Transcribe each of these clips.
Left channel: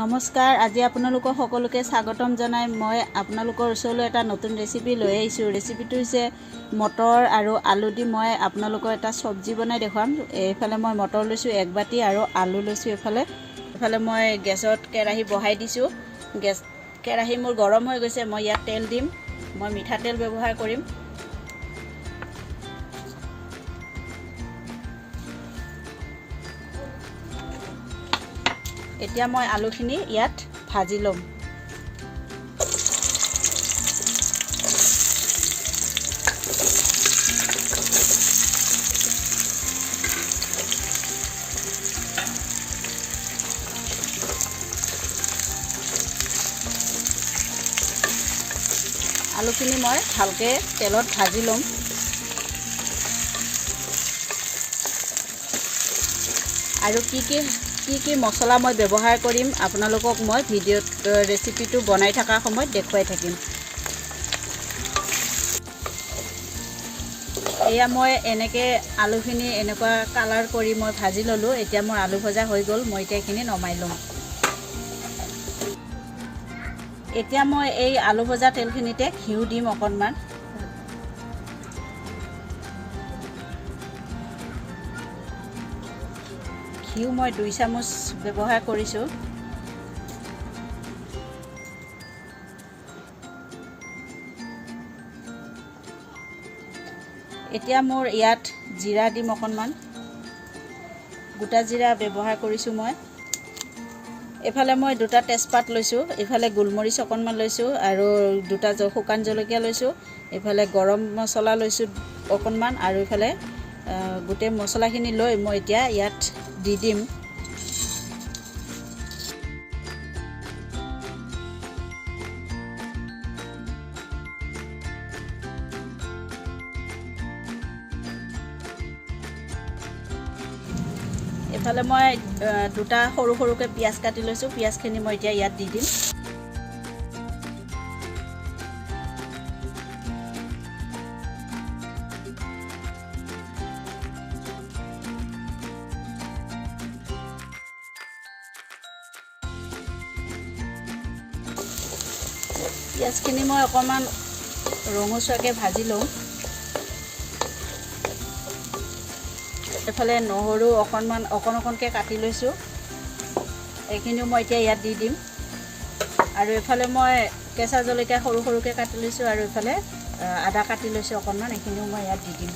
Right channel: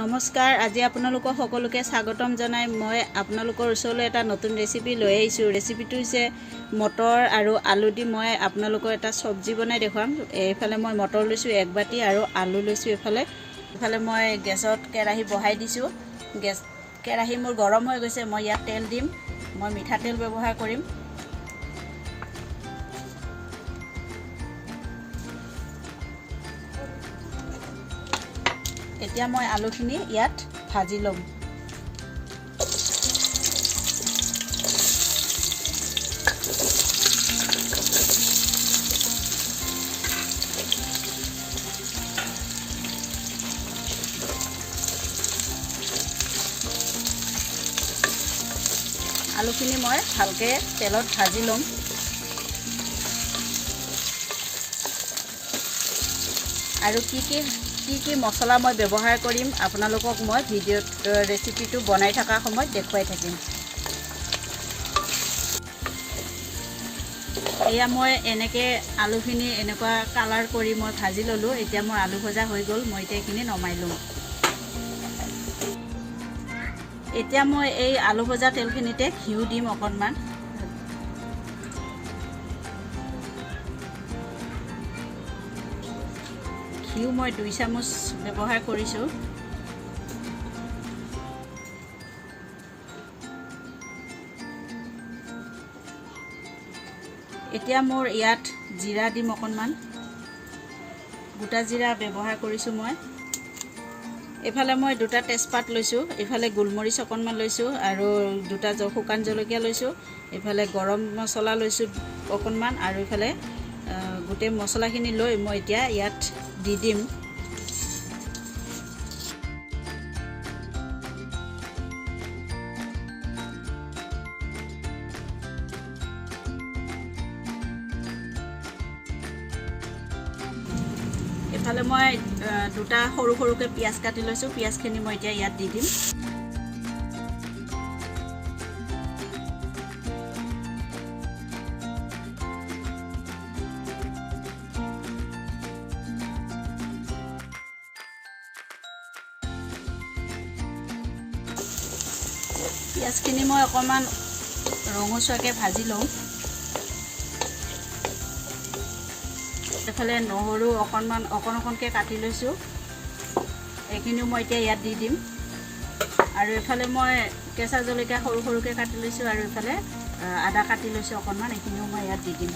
নমস্কাৰ আজি আপোনালোকক সকলোকে স্বাগতম জনাই মই আপোনালোকৰ ওচৰলৈ এটা নতুন ৰেচিপি লৈ আহিছোঁ। ৰেচিপিটো হৈছে মটৰ আৰু আলু দি মই আপোনালোকৰ এটা চব্জি বনাই দেখুৱাম। এইফালে মই মটৰ লৈছোঁ 1 বাটি আৰু আলু লৈছোঁ। এইফালে মই গেছত কেৰাহী বহাই দিছোঁ। কেৰাহী মোৰ গৰম হৈ গৈছে। মই ইয়াত তেল দিম। মই মিঠাতেল ব্যৱহাৰ কৰিম। এতিয়া মই আলুখিনি ইয়াত ভাজি ল'ম। আলুখিনি মই ভালকৈ তেলত ভাজি ল'ম। আৰু কি মছলা মই ব্যৱহাৰ কৰিম আপোনালোকক মই ভিডিঅ'ত ৰেচিপিটো বনাই থকা সময়ত দেখুৱাই থাকিম। এয়া মই এনেকৈ আলুখিনি এনেকুৱা কালাৰ কৰি মই ভাজি ল'লোঁ। এতিয়া মোৰ আলু ভজা হৈ গ'ল। মই এতিয়া এইখিনি নমাই ল'ম। এতিয়া মই এই আলু ভজা তেলখিনিতে ঘিউ দিম অকণমান। ঘিউ মই 2 চামুচ ব্যৱহাৰ কৰিছোঁ। এতিয়া মোৰ ইয়াত জিৰা দিম অকণমান। গোটা জিৰা ব্যৱহাৰ কৰিছোঁ মই। এইফালে মই 2টা তেজপাত লৈছোঁ। এইফালে গোলমৰিচ অকণমান লৈছোঁ আৰু 2টা শুকান জলকীয়া লৈছোঁ। এইফালে গৰম মছলা লৈছোঁ অকণমান আৰু এইফালে গোটেই মছলাখিনি লৈ মই এতিয়া ইয়াত দি দিম। এইফালে মই 2টা সৰুকৈ পিঁয়াজ কাটি লৈছোঁ। পিঁয়াজখিনি মই এতিয়া ইয়াত দি দিম। পিঁয়াজখিনি মই অকণমান ৰঙচুৱাকৈ ভাজি লওঁ। এইফালে নহৰু অকণকৈ কাটি লৈছোঁ। এইখিনিও মই এতিয়া ইয়াত দি দিম। আৰু এইফালে মই কেঁচা জলকীয়া সৰুকৈ কাটি লৈছোঁ আৰু এইফালে আদা কাটি লৈছোঁ অকণমান। এইখিনিও মই ইয়াত দি দিম।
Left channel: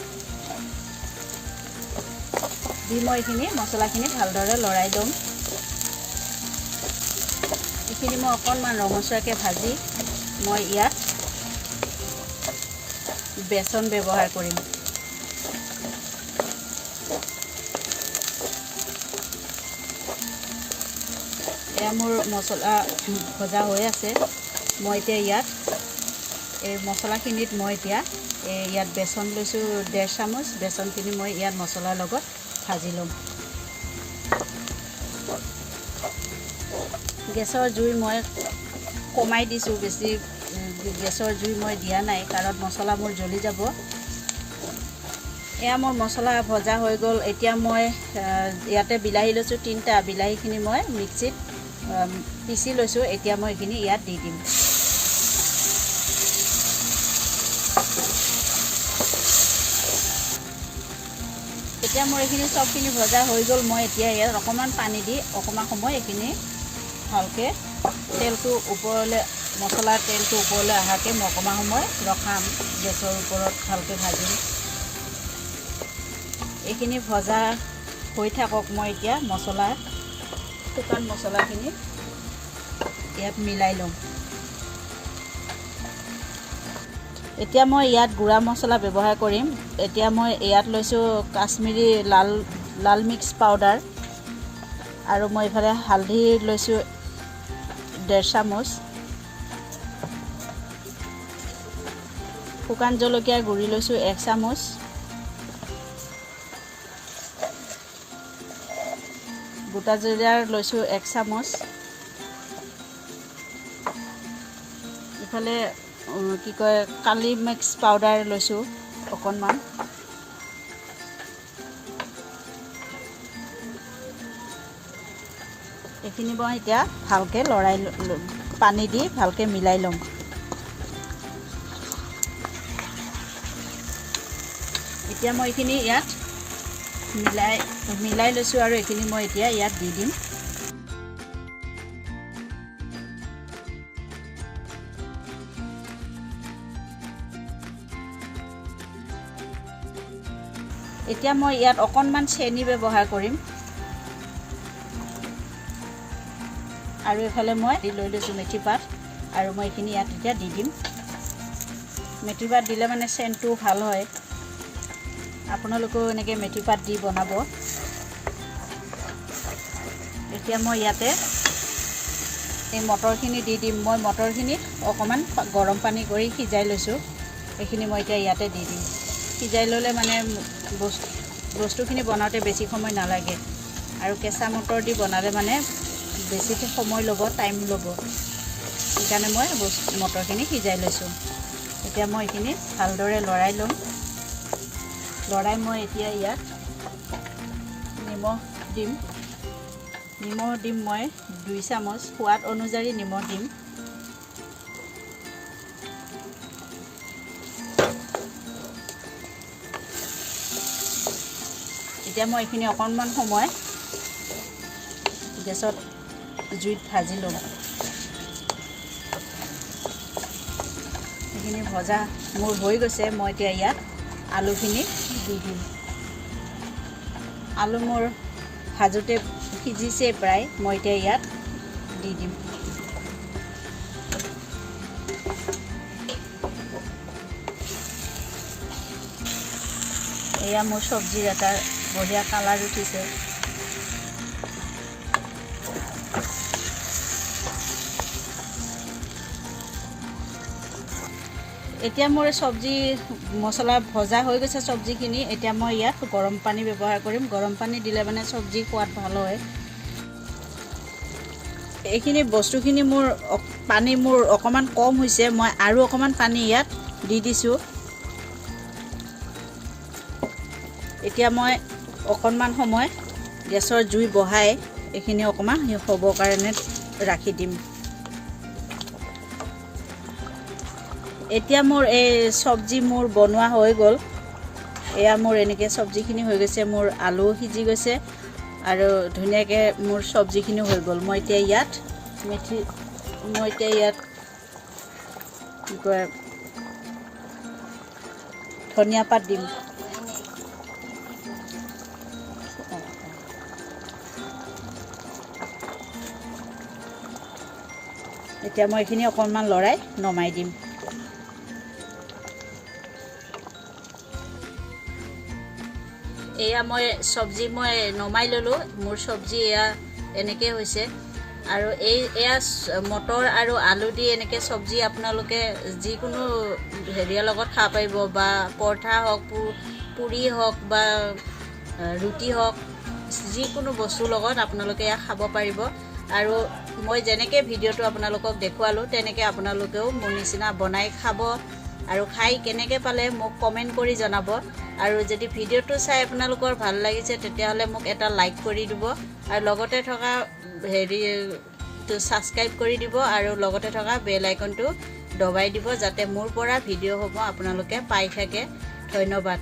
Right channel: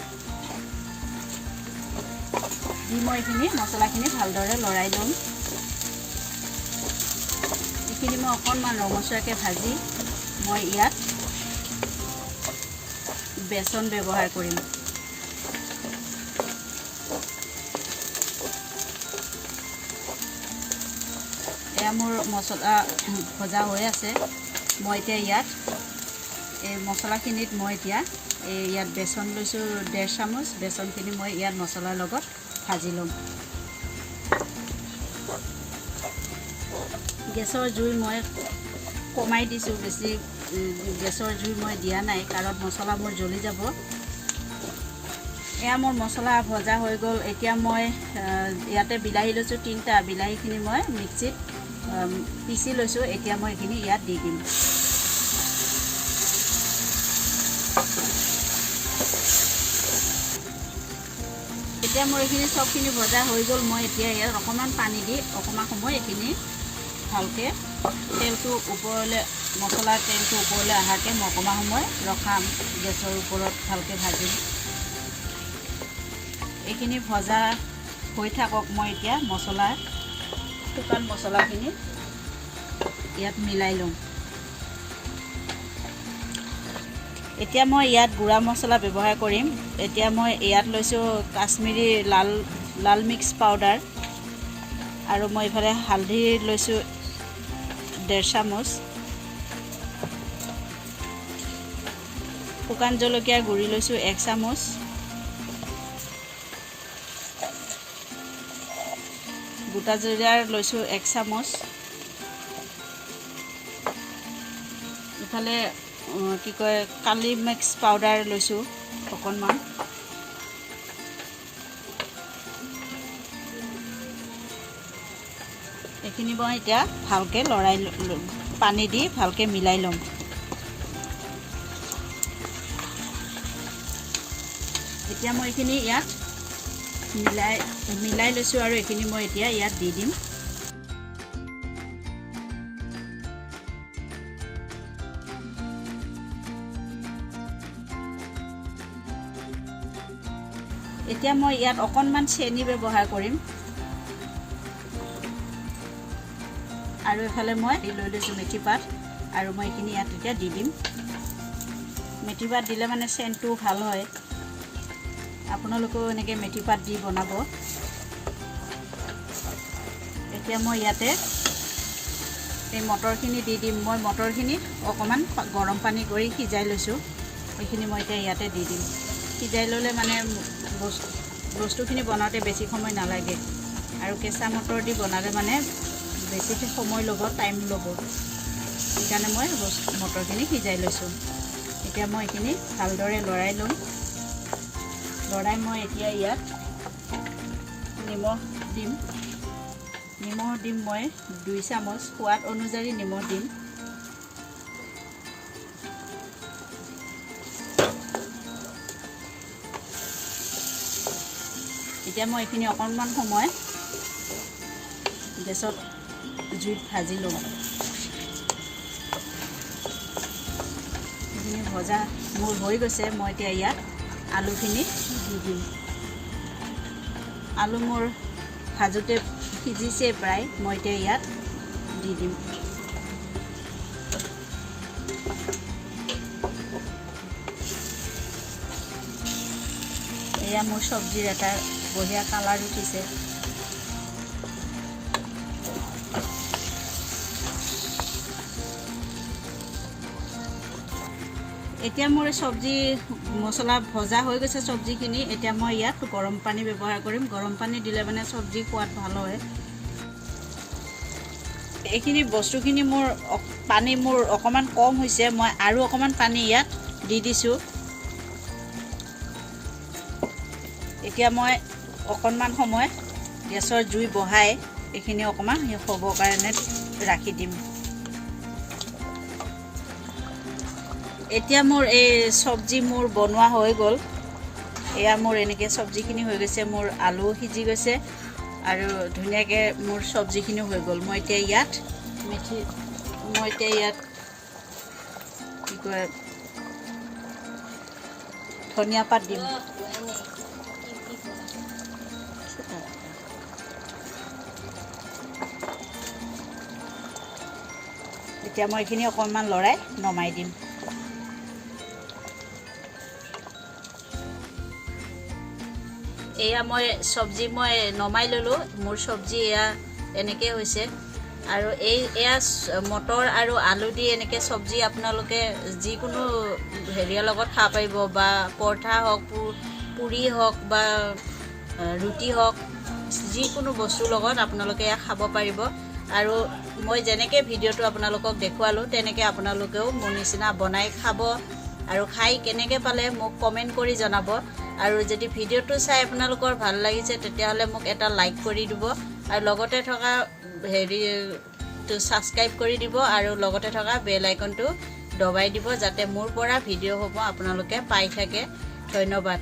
দি মই এইখিনি মছলাখিনি ভালদৰে লৰাই ল'ম। এইখিনি মই অকণমান ৰঙচুৱাকৈ ভাজি মই ইয়াত বেচন ব্যৱহাৰ কৰিম। এয়া মোৰ মছলা ভজা হৈ আছে। মই এতিয়া ইয়াত এই মছলাখিনিত মই এতিয়া ইয়াত বেচন লৈছোঁ 1.5 চামুচ। বেচনখিনি মই ইয়াত মছলাৰ লগত ভাজি ল'ম। গেছৰ জুই মই কমাই দিছোঁ। বেছি গেছৰ জুই মই দিয়া নাই কাৰণ মছলা মোৰ জ্বলি যাব। এয়া মোৰ মছলা ভজা হৈ গ'ল। এতিয়া মই ইয়াতে বিলাহী লৈছোঁ 3টা। বিলাহীখিনি মই মিক্সিত পিচি লৈছোঁ। এতিয়া মই এইখিনি ইয়াত দি দিম। এতিয়া মোৰ এইখিনি চবখিনি ভজা হৈ গ'ল। মই এতিয়া ইয়াত অকণমান পানী দি অকণমান সময় এইখিনি ভালকৈ তেলটো ওপৰলৈ মছলাৰ তেলটো ওপৰলৈ অহাকৈ মই অকণমান সময় ৰখাম। গেছৰ ওপৰত ভালকৈ ভাজিম। এইখিনি ভজা হৈ থাকক। মই এতিয়া শুকান মছলাখিনি ইয়াত মিলাই ল'ম। এতিয়া মই ইয়াত গুড়া মছলা ব্যৱহাৰ কৰিম। এতিয়া মই ইয়াত লৈছোঁ কাশ্মীৰী লাল মিক্স পাউডাৰ আৰু মই এইফালে হালধি লৈছোঁ 1.5 চামুচ। শুকান জলকীয়া গুড়ি লৈছোঁ 1 চামুচ। গোটা জিৰাৰ লৈছোঁ 1 চামুচ। ইফালে কালি মিক্স পাউডাৰ লৈছোঁ অকণমান। এইখিনি মই এতিয়া ভালকৈ লৰাই পানী দি ভালকৈ মিলাই ল'ম এতিয়া মই এইখিনি ইয়াত মিলাই লৈছোঁ আৰু এইখিনি মই এতিয়া ইয়াত দি দিম এতিয়া মই ইয়াত অকণমান চেনি ব্যৱহাৰ কৰিম আৰু এফালে মই লৈ লৈছোঁ মেথি পাত আৰু মই এইখিনি ইয়াত এতিয়া দি দিম মেথি পাত দিলে মানে চেণ্টটো ভাল হয় আপোনালোকেও এনেকৈ মেথি পাত দি বনাব এতিয়া মই ইয়াতে এই মটৰখিনি দি দিম মই মটৰখিনি অকণমান গৰম পানী কৰি সিজাই লৈছোঁ এইখিনি মই এতিয়া ইয়াতে দি দিম সিজাই ল'লে মানে বস্তুখিনি বনাওঁতে বেছি সময় নালাগে আৰু কেঁচা মটৰ দি বনালে মানে বেছি সময় ল'ব টাইম ল'ব সেইকাৰণে মই মটৰখিনি সিজাই লৈছোঁ এতিয়া মই এইখিনি ভালদৰে লৰাই ল'ম লৰাই মই এতিয়া ইয়াত নিমখ দিম মই 2 চামুচ সোৱাদ অনুযায়ী নিমখ দিম এতিয়া মই এইখিনি অকণমান সময় গেছত জুইত ভাজি ল'ম এইখিনি ভজা মোৰ হৈ গৈছে মই এতিয়া ইয়াত আলুখিনি দি দিম আলু মোৰ ভাজোতে সিজিছে প্ৰায় মই এতিয়া ইয়াত দি দিম এয়া মোৰ চব্জিৰ এটা বঢ়িয়া কালাৰ উঠিছে এতিয়া মোৰ চব্জি মছলা ভজা হৈ গৈছে চব্জিখিনি এতিয়া মই ইয়াত গৰম পানী ব্যৱহাৰ কৰিম গৰম পানী দিলে মানে চব্জি সোৱাদ ভাল হয় এইখিনি বস্তুখিনি মোৰ পানী মোৰ অকণমান কম হৈছে মই আৰু অকণমান পানী ইয়াত দি দিছোঁ এতিয়া মই অকণমান সময় গেছৰ জুই বঢ়াই এইখিনি অকণমান হ'বৰ কাৰণে ৰাখি দিম এতিয়া মোৰ এই চব্জি মোৰ বনোৱা হৈ গ'ল এয়া মোৰ এনেকৈ চব্জিখিনি হৈ গৈছে মোৰ আলু সিজি গৈছে আৰু ধুনীয়াকৈ মোৰ চব্জিখিনি হৈ গ'ল মই এতিয়া ইয়াত কি কয় ধনিয়া পাত দিম এতিয়া মই এইখিনি অকণমান লৰাই নমাই দিম এয়া মই চব্জি মই নমাই ল'লোঁ মোৰ চব্জি এয়া এনেকৈ হৈছে আৰু এয়া মটৰ আৰু আলু দি এনেকৈ চব্জি আপোনালোকে যিকোনো হেৰিয়াৰ লগত খাব পাৰিব বা পৰঠা হওক পুৰি হওক বা ৰুটি হওক যিকোনো বস্তুৰ লগত আপোনালোকে এয়া খাব পাৰিব আৰু মই যেনেকৈ ভিডিঅ'টো আপোনালোকক দেখুৱালোঁ তেনেকৈ আপোনালোকেও মোৰ নিচিনা বনাই খাব আৰু খাই কেনেকৈ পালে মোক কমেণ্ট কৰি জনাব আৰু যদি ভিডিঅ'টো চাই আপোনালোকৰ ভাল লাগিছে তেতিয়াহ'লে মোক এটা লাইক কৰি দিব আৰু লগতে থকা হেৰিটো ছাবস্ক্ৰাইব কৰি দিব আৰু লগতে থকা বেল আইকনটো দবাই দিব যাতে মোৰ পৰা ভিডিঅ'সমূহ আপোনালোকে পাই থাকে ধন্যবাদ